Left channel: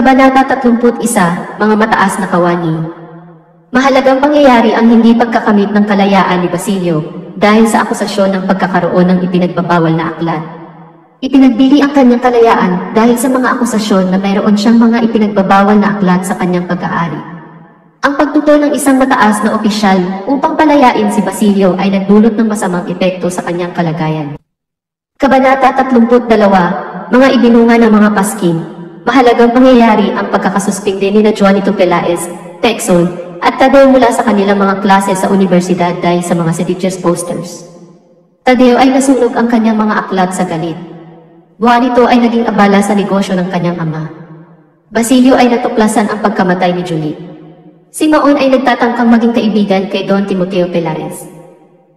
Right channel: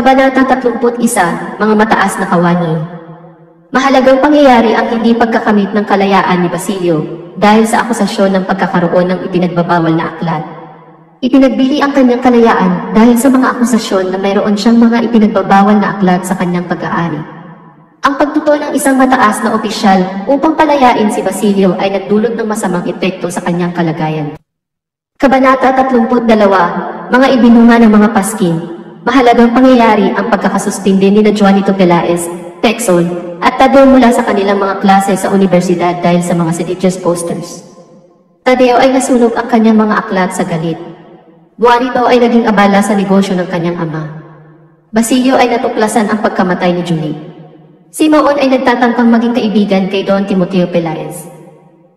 Kabanata 31, Mga Mataas na Kawani. Mahalagang pangyayari ang hindi pagkakamit ng kalayaan ni Basilio dahil sa akusasyon ng pagkakaroon ng ipinagbabawal na aklat. Ipinagbili ang kanyang kalayaan dahil sa mga akusasyon na mayroon siyang mga ipinagbabawal na aklat sa kanyang pag-aari. Ang pagtutol ng isang mataas na opisyal upang palayain si Basilio ay nagdulot ng masamang epekto sa kanyang kalagayan. Kabanata 32, Mga ibinunga ng mga paskin. Mahalagang pangyayari ang pagkakasuspinde ni na Juanito Pelaez, Texon, at Tadeo mula sa kanilang mga klase sa universidad dahil sa mga seditious posters. Tadeo ay nasunog ang kanyang mga aklat sa galit. Juanito ay naging abala sa negosyo ng kanyang ama. Basilio ay natuklasan ang pagkamatay ni Julie. Si Maon ay nagtatangkang maging kaibigan kay Don Timoteo Pelaez.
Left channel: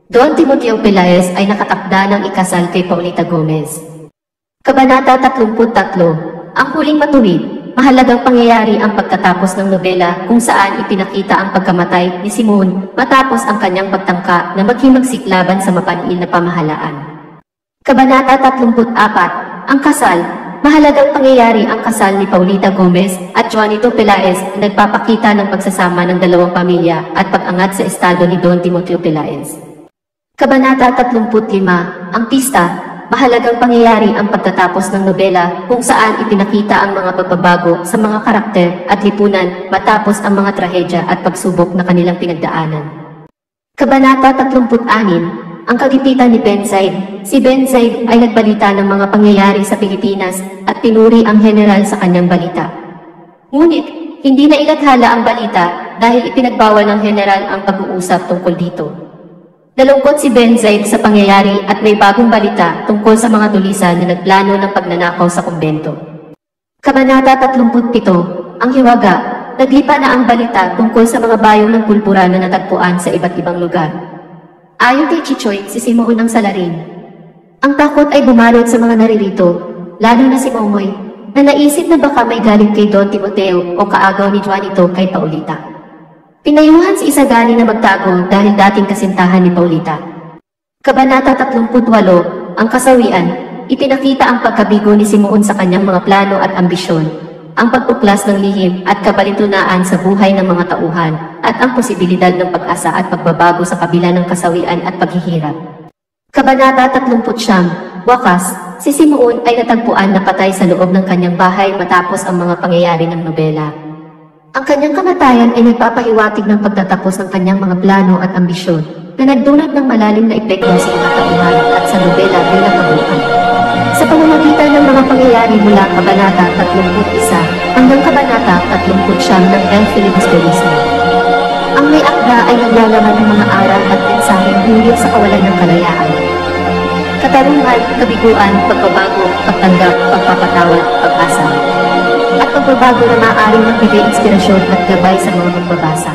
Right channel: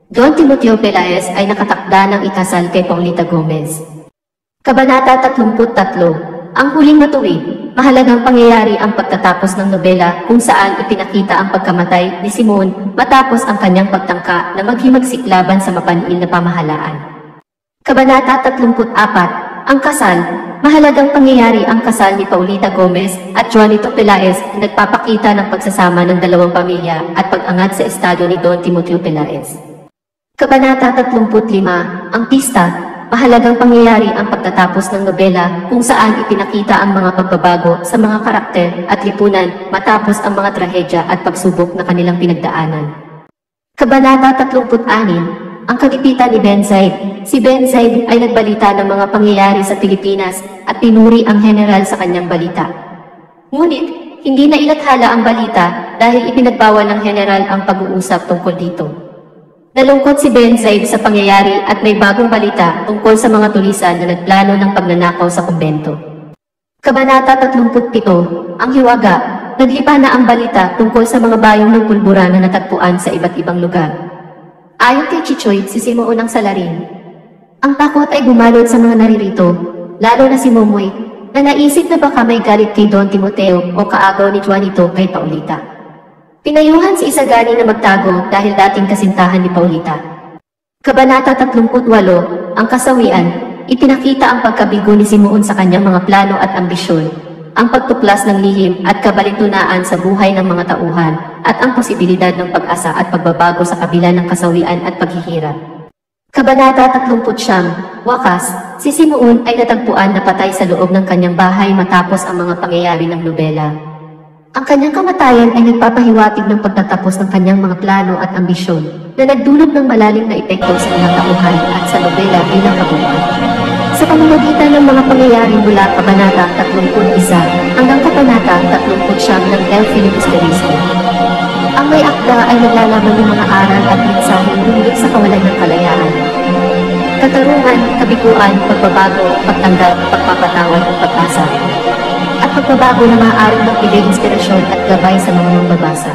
Don Timoteo Pelaez ay nakatakda ng ikasal kay Paulita Gomez. Kabanata 33, Ang huling matuwid. Mahalagang pangyayari ang pagtatapos ng nobela kung saan ipinakita ang pagkamatay ni Simon matapos ang kanyang pagtangka na maghimagsik laban sa mapaniil na pamahalaan. Kabanata 34, Ang kasal. Mahalagang pangyayari ang kasal ni Paulita Gomez at Juanito Pelaez na nagpapakita ng pagsasama ng dalawang pamilya at pag-angat sa estado ni Don Timoteo Pelaez. Kabanata 35, Ang pista. Mahalagang pangyayari ang pagtatapos ng nobela kung saan ipinakita ang mga pagbabago sa mga karakter at lipunan matapos ang mga trahedya at pagsubok na kanilang pinagdaanan. Kabanata 36, Ang kagipitan ni Ben Zaid. Si Ben Zaid ay nagbalita ng mga pangyayari sa Pilipinas at pinuri ang general sa kanyang balita. Ngunit, hindi na ilathala ang balita dahil ipinagbawal ng general ang pag-uusap tungkol dito. Nalungkot si Ben Zaid sa pangyayari at may bagong balita tungkol sa mga tulisan na nagplano ng pagnanakaw sa kumbento. Kabanata 37, Ang hiwaga. Naglipa na ang balita tungkol sa mga bayong ng pulbura na natagpuan sa iba't ibang lugar. Ayon kay Chichoy, si Simoon ang salarin. Ang takot ay bumalot sa mga naririto, lalo na si Momoy, na naisip na baka may galit kay Don Timoteo o kaagaw ni Juanito kay Paulita. Pinayuhan si Isagani na magtago dahil dating kasintahan ni Paulita. Kabanata 38, Ang kasawian. Ipinakita ang pagkabigo ni Simoon sa kanyang mga plano at ambisyon, ang pagtuklas ng lihim at kabalintunaan sa buhay ng mga tauhan, at ang posibilidad ng pag-asa at pagbabago sa kabila ng kasawian at paghihirap. Kabanata 39, Wakas. Si Simoon ay natagpuan na patay sa loob ng kanyang bahay matapos ang mga pangyayari ng nobela. Ang kanyang kamatayan ay nagpapahiwatig ng pagtatapos ng kanyang mga plano at ambisyon na nagdulot ng malalim na epekto sa mga tauhan at sa nobela ay nakabuan. Sa pamamagitan ng mga pangyayari mula Kabanata 31 hanggang Kabanata 39 ng El Filibusterismo. Ang may akda ay naglalaman ng mga aral at mensaheng hinggil sa kawalan ng kalayaan. Katarungan, kabiguan, pagbabago, pagtanggap, pagpapatawad, pag-asa. At pagbabago na maaaring magbigay inspirasyon at gabay sa mga magbabasa.